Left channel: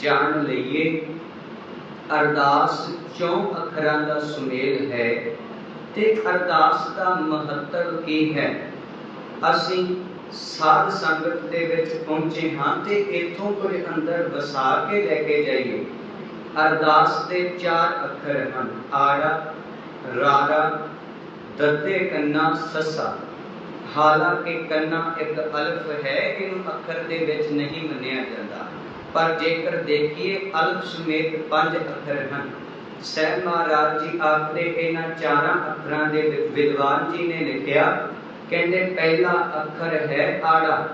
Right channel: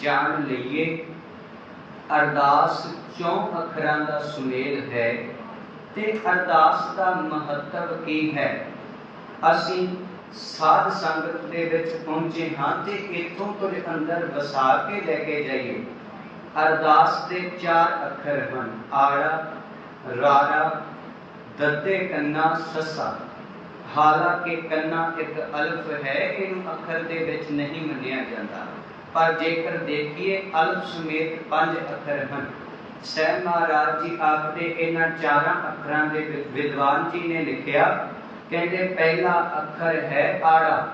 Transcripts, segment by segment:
ਜਾਣ ਲਈਏ। ਅਰਦਾਸ ਚੌਂ ਅੱਖਰਾਂ ਦਾ ਸੁਮੇਲ ਹੈ ਤੇ ਅਰਦਾਸ ਦਾ ਮਹੱਤਵ ਕੀ ਹੈ? ਅਸੀਂ ਸਾਧ ਸੰਗਤ ਦੇ ਵਿੱਚ ਪਹੁੰਚੇ ਹਾਂ ਤੇ ਇੱਥੋਂ ਕੁਝ ਅੰਦਰ ਵਸਾ ਕੇ ਲੈ ਕੇ ਜਾਈਏ। ਅਰਦਾਸ ਦੇ ਚਾਰ ਅੱਖਰ ਹਨ, ਆੜਾ ਰਾਰਾ ਦੱਤੇ ਕੰਨਾ, ਸੱਸਾ। ਹਾਲਾਂਕਿ ਕੰਨਾ ਇੱਕ ਅਲਫ ਹੈ, ਇਹਨੂੰ ਅੱਖਰ ਦੇ ਵਿੱਚ ਨਹੀਂ ਮੰਨਿਆ ਜਾਂਦਾ। ਪਰ ਜੇਕਰ ਦੇਖੀਏ ਅਲਫ ਸਮੇਤ ਪੰਜ ਅੱਖਰ ਹਨ। ਸਹਿ ਮਹਾਰਾਜ ਜੀ ਆਖਦੇ ਇਹਨਾਂ ਚਾਰਾਂ ਅੱਖਰਾਂ ਦੇ ਵਿਦਵਾਨ ਜੀ ਨੇ ਲਿਖਿਆ, ਕਹਿੰਦੇ ਪਹਿਲਾ ਅੱਖਰ ਹੈ ਆੜਾ।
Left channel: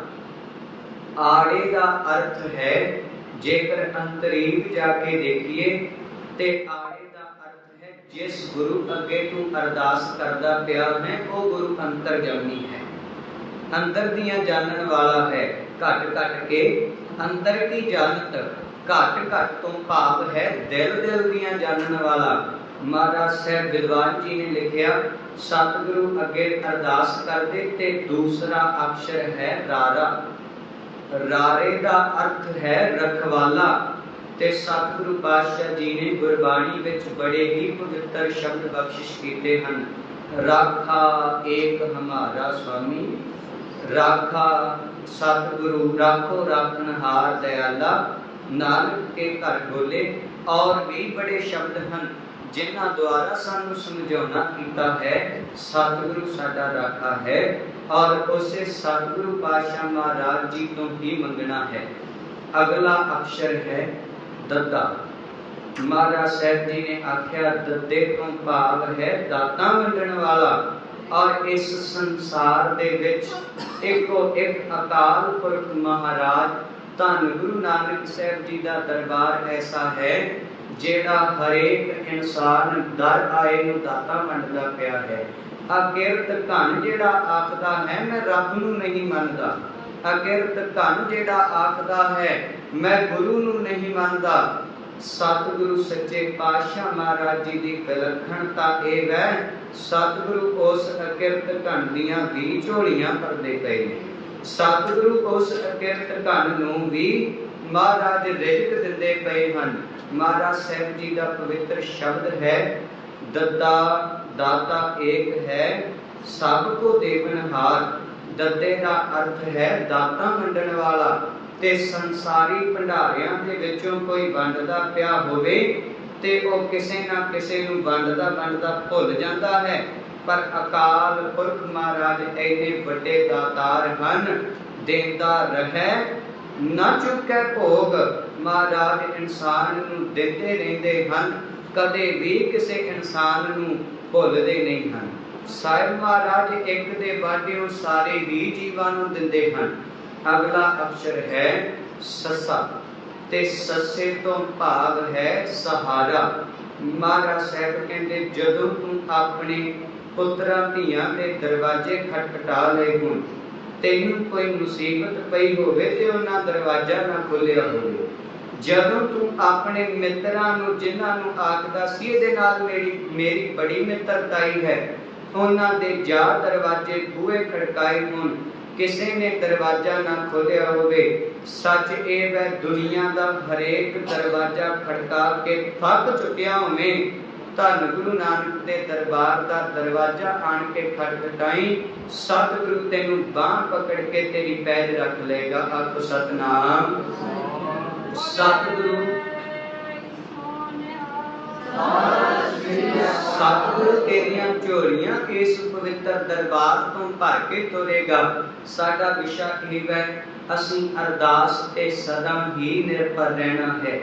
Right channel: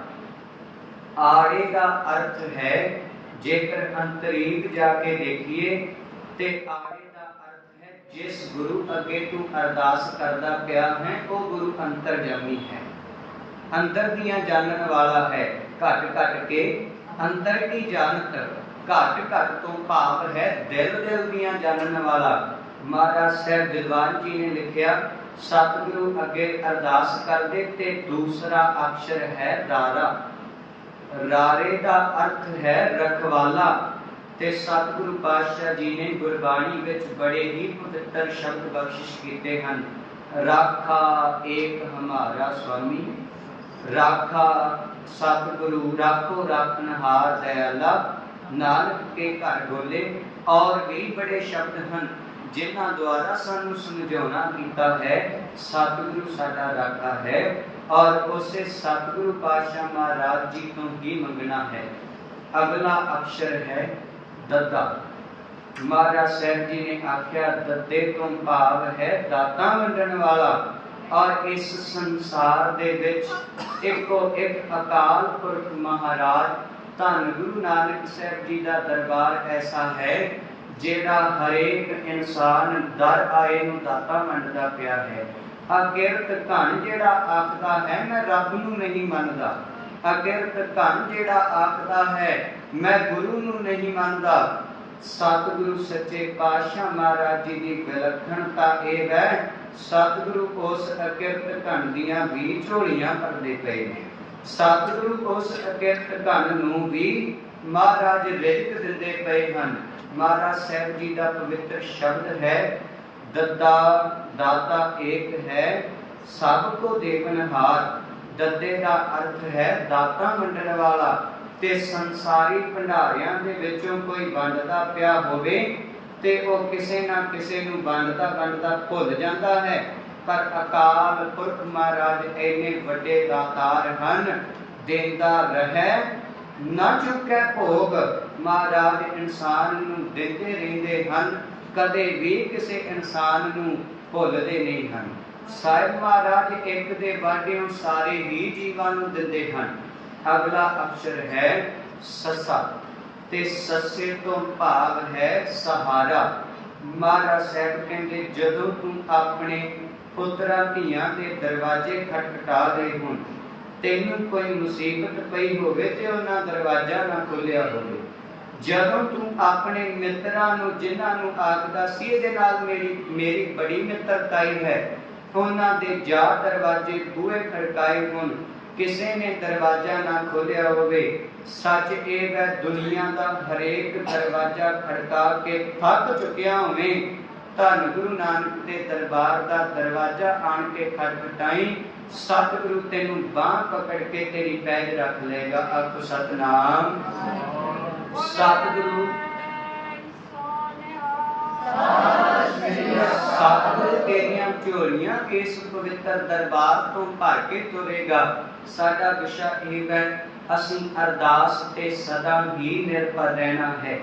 ਆੜੇ ਦਾ ਅਰਥ ਹੈ ਜੇਕਰ ਅੰਤਰੀਵ ਜਾ ਕੇ ਦੇਖੀਏ ਤੇ ਆੜੇ ਦਾ ਅਰਥ ਹੈ ਜਿਸ ਗੁਰੂ ਅੱਗੇ ਤੂੰ ਅਰਦਾਸ ਕਰਦਾ ਪਿਆ ਹੈ, ਉਹ ਗੁਰੂ ਅੰਤਰਜਾਮੀ ਹੈ। ਅੰਦਰ ਦੀਆਂ ਜਾਣਨ ਵਾਲਾ ਹੈ। ਘਟ ਘਟ ਕੇ ਅੰਦਰ ਕੀ ਜਾਣਤ? ਘਟ ਘਟ ਤੋਂ ਭਾਵ ਹੈ ਦਿਲ ਦਿਲ ਦੀਆਂ ਜਾਣਨ ਵਾਲਾ। ਮਹਾਰਾਜ ਸਾਹਿਬ ਵਿਦਵਾਨ ਜੀ ਨੇ ਲਿਖਿਆ, ਸਤਿਗੁਰੂ ਅੱਗੇ ਅਰਦਾਸ ਕਰਦੇ ਤੇ ਦੂਸਰਾ ਅਕਸ਼ਰ ਹੈ ਰਾਰਾ। ਰਾਰੇ ਦਾ ਅਰਥ ਹੈ ਰਖਵਾਲਾ। ਤੇ ਸਤਿਗੁਰੂ ਪਾਤਸ਼ਾਹ ਜੀ ਨੇ ਗੁਰਬਾਣੀ ਵਿੱਚ ਬੜੇ ਹੀ ਪਵਿੱਤਰ ਸ਼ਬਦ ਬਖਸ਼ਿਸ਼ ਕੀਤੇ ਹਨ। ਰਾਖਾ ਏਕ ਹਮਾਰਾ ਸੁਆਮੀ ਰਾਖਾ ਸਤਿਗੁਰੂ ਰਾਖੋ ਰਾਖਨਹਾਰ ਦਇਆਲਾ, ਨਾਨਕ ਕੇ ਘਰ ਡੋਲੇ। ਔਰ ਵੀ ਬੜੇ ਸ਼ਬਦ ਹਨ, ਜਿਨ੍ਹਾਂ ਦੁਆਰਾ ਸਾਨੂੰ ਸਮਝਾਉਣਾ ਕੀਤਾ ਹੈ, ਸਤਿਗੁਰੂ ਸਾਡਾ ਰਾਖਾ ਹੈ। ਔਰ ਉਸੇ ਸਤਿਗੁਰੂ ਪਾਤਸ਼ਾਹ ਮਹਾਰਾਜ ਜੀ ਤੋਂ ਹੀ ਮੰਗਣਾ ਹੈ। ਅਗਲਾ ਅਕਸ਼ਰ ਹੈ ਦੱਦਾ ਮਹਾਰਾਜ ਸਾਹਿਬ ਜੀ ਨੇ ਆਖਿਆ ਦੱਦੇ ਤੋਂ ਭਾਵ ਹੈ ਦਾਤਾ ਵੰਡਣ ਵਾਲਾ। ਔਰ ਇਸ ਸੰਸਾਰ ਦੇ ਵਿੱਚ ਇੱਕੋ ਇੱਕ ਅਕਾਲ ਪੁਰਖ ਮਹਾਰਾਜ ਧੰਨ ਗੁਰੂ ਨਾਨਕ ਸਾਹਿਬ ਜੀ ਦਾ ਦਰਬਾਰ ਐਸਾ ਹੈ, ਜਿਹੜਾ ਹਰੇਕ ਇਨਸਾਨ ਦਰ ਆਏ ਨੂੰ ਦਾਤਾ ਮੰਨਦਾ ਪਿਆ ਹੈ। ਅਕਿਰਤ ਧਨ ਜਿਹੜਾ ਆਖਦਾ ਹੈ, ਮੈਂ ਰੱਬ ਨੂੰ ਨਹੀਂ ਮੰਨਦਾ। ਅਕਿਰਤ ਧਨ ਜਿਹੜਾ ਆਖਦਾ ਹੈ, ਮੈਂ ਗੁਰੂ ਨੂੰ ਨਹੀਂ ਮੰਨਦਾ। ਸਤਿਗੁਰੂ ਸੱਚੇ ਪਾਤਸ਼ਾਹ ਮਹਾਰਾਜ ਜੀ ਦੀ ਵਿਲੱਖਣਤਾ ਇਹ ਹੈ ਸਤਿਗੁਰੂ ਉਸ ਅਕਿਰਤ ਧਨ ਦੀਆਂ ਵੀ ਝੋਲੀਆਂ ਭਰਦੇ ਪਏ ਨੇ। ਸਤਿਗੁਰੂ ਉਸ ਅਕਿਰਤ ਧਨ ਨੂੰ ਵੀ ਮਹਾਰਾਜ ਰਿਜ਼ਕ ਦਿੰਦੇ ਪਏ ਹਨ। ਮਹਾਰਾਜ ਸਾਹਿਬ ਜੀ ਦਾ ਪਵਿੱਤਰ ਸ਼ਬਦ ਹੈ ਦੱਦਾ ਦਾਤਾ ਏਕ ਹੈ, ਸਭ ਕੋ ਦੇਵਨਹਾਰ। ਦੱਦੇ ਦਾ ਅਰਥ ਹੈ, ਦਾਤਾ ਮੰਡਣ ਵਾਲਾ। ਤੇ ਸੰਸਾਰੀ ਭੰਡਾਰਿਆਂ ਦੇ ਵਿੱਚੋਂ ਕੋਈ ਵੰਡਦਾ ਪਿਆ ਹੋਵੇ ਤੇ ਉਹ ਕਿਸੇ ਨਾ ਕਿਸੇ ਨੂੰ ਵੰਡਦਾ ਵੰਡਦਾ ਭੁੱਲ ਜਾਂਦਾ ਹੈ। ਪਰ ਅਕਾਲ ਪੁਰਖ ਮਹਾਰਾਜ ਐਨੇ ਵੱਡੇ ਦਾਤਾਰ ਹਨ, ਦੇਂਦਾ ਰਹੈ, ਨਾ ਚੁੱਕੈ ਭੋਗ। ਮਹਾਰਾਜ ਇਨਸਾਨ ਨੂੰ ਦਿੰਦੇ ਰਹਿੰਦੇ ਹਨ, ਕਦੇ ਵੀ ਕਿਸੇ ਇਨਸਾਨ ਨੂੰ ਭੁੱਲਦੇ ਨਹੀਂ ਹਨ। ਸਾਹਿਬ ਮਹਾਰਾਜ ਇੱਕ ਦੇ ਬਾਝਿਓ ਸਾਰੇ ਹੀ ਜੀਵਾਂ ਨੂੰ ਦਿੰਦੇ ਹਨ। ਅਗਲਾ ਅਕਸ਼ਰ ਹੈ ਸੱਸਾ ਤੇ ਸੱਸੇ ਤੋਂ ਭਾਵ ਹੈ ਸਹਾਰਾ। ਮਹਾਰਾਜ ਸਾਹਿਬ ਕਹਿੰਦੇ, ਜਦੋਂ ਤੂੰ ਆਪਣੇ ਪੁੱਤਰਾਂ ਧੀਆਂ ਦੇ ਦਰਵਾਜ਼ੇ ਖਟਖਟਾ ਲਏ ਹੋਣ, ਤੈਨੂੰ ਕੋਈ ਮੁਸੀਬਤ ਪਈ ਹੋਵੇ ਤੇ ਉਹਨਾਂ ਦਰਵਾਜ਼ਾ ਨਾ ਖੁੱਲਿਆ ਹੋਵੇ। ਜਦੋਂ ਤੂੰ ਆਪਣੇ ਮਿੱਤਰਾਂ ਨੂੰ, ਜਿਨ੍ਹਾਂ ਨੂੰ ਆਖਦਾ ਸੀ, ਇਹਦੇ ਨਾਲ ਮੇਰੀ ਮੇਰੀ ਬੜੀ ਮਿੱਤਰਤਾਈ ਹੈ, ਉਹਨਾਂ ਦੇ ਜਾ ਦਰਵਾਜ਼ੇ ਬੂਹੇ ਖੜਕਾਏ ਹੋਣ ਕਿਸੇ ਨੇ ਦਰਵਾਜ਼ਾ ਨਾ ਖੋਲਿਆ ਹੋਵੇ ਸੱਚ ਇਹ ਵੈ ਦੁਨੀਆ ਦਾ ਹਰੇਕ ਦਰਵਾਜ਼ਾ ਖੜਕਾ ਕੇ ਥੱਕ ਚੁੱਕਿਆ ਹੋਵੇ ਧੰਨ ਗੁਰੂ ਨਾਨਕ ਦੇ ਦਰਬਾਰ ਦਾ ਦਰਵਾਜ਼ਾ ਆਣ ਕੇ ਖਟਖਟਾਈ ਸਤਿਗੁਰੂ ਤੈਨੂੰ ਬਾਹ ਪਕੜ ਕੇ ਤੇਰੀ ਪੈਜ ਰੱਖ ਲਏਗਾ ਆਖੋ ਸਤਨਾਮ। ਸਤਿਗੁਰੂ। ਸਤਿਗੁਰੂ ਤੇਰੀਆਂ ਝੋਲੀਆਂ ਇਸ ਪਵਿੱਤਰ ਦਰਬਾਰ ਤੋਂ ਭਰ ਕੇ ਤੁਰੇਗਾ। ਸਾਡਾ ਵਿਸ਼ਾ ਇਹ ਹੈ ਅਸੀਂ ਅਰਦਾਸ ਤੇ ਸਦਾ ਹੀ ਨਿਰਭਰ ਰਹਿਣਾ ਹੈ।